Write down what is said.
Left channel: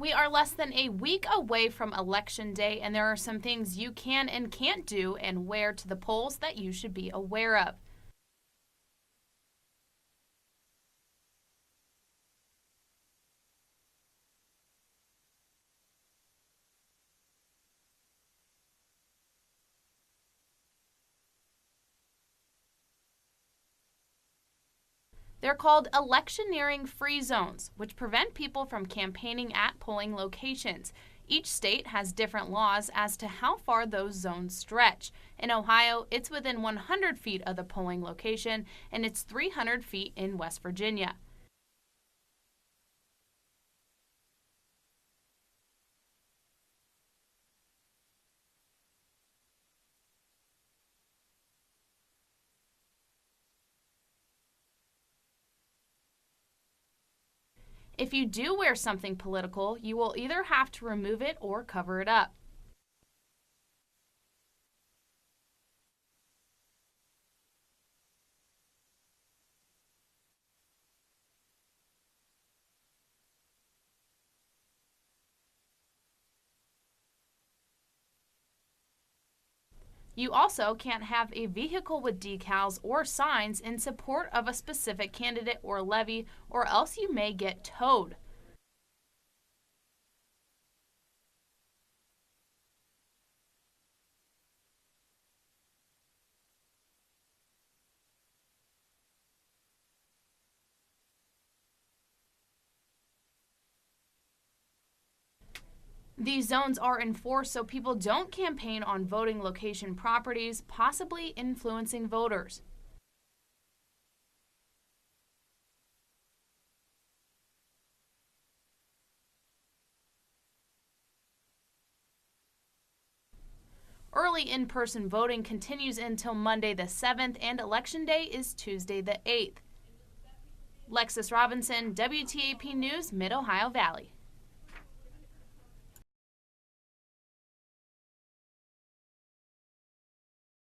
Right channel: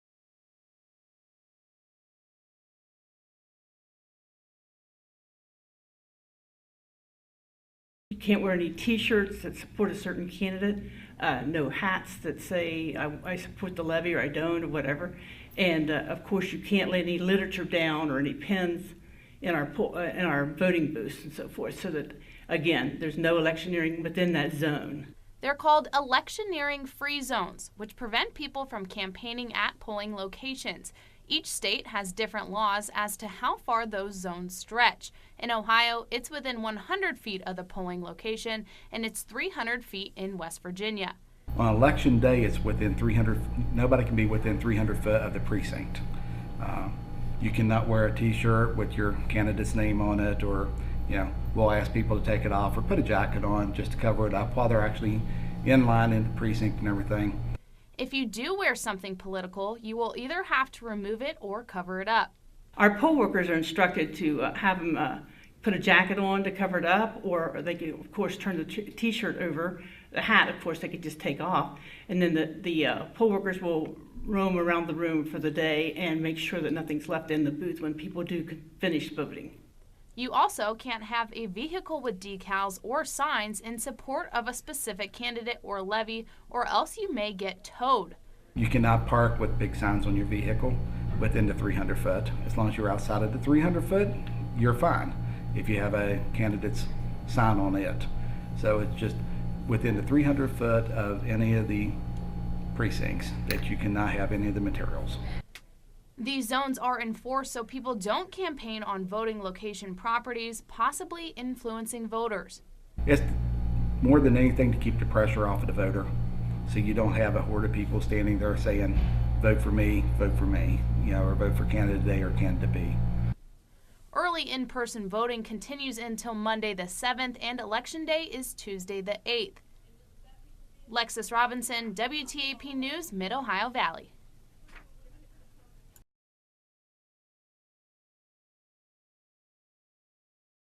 We are less than a week away from Election Day, and there are some things you can and can't do and wear to the polls that you should be aware of. You can't wear any T-shirts that support a certain candidate, no hats that say I support the levy or I don't or whatever. And of course, you can't lay any literature down or any pens in our voting booths and so forth. So that again, there's no electioneering within that zone. They're called electioneering-free zones, which prevent people from campaigning at polling locations. Each state has different laws as to how far those zones stretch. In Ohio, it's within 100 feet of the polling location, and it's 300 feet in West Virginia. On election day, it's within 300. Nobody can be within 300 foot of the precinct. You cannot wear a T-shirt with your candidate's name on it, or we'll ask people to take it off or put a jacket on just to cover it up while they're actually in line in the precinct and everything. If you do wear something political, you will either have to remove it or cover it up. Our poll workers are instructed to have them put a jacket on to cover it up, or they can, of course, turn the T-shirt over. The hat, of course, they could just take off. And then the poll workers will roam around the room for the day and make sure that nothing's left in the booth when people do finish voting. You also can't have a vehicle with decals or signs in support of a specific candidate or levy, or else you may get towed. You cannot park with big signs on your vehicle within the 300 foot. As long as you're outside of the 300 foot, you're fine if you have a candidate's sign on it. So it's just within the 300 foot of any of the precincts that you cannot have any of the materials. These zones are enforced so people don't campaign on voting location properties, possibly influencing voters. It's more than anything to keep the pressure off of the voter, so you don't have a horde of people standing there saying, vote for me, or vote for candidate A or candidate B. Early in-person voting continues until Monday the 7th, and Election Day is Tuesday the 8th. Lexus Robinson, WTAP News, Mid-Ohio Valley.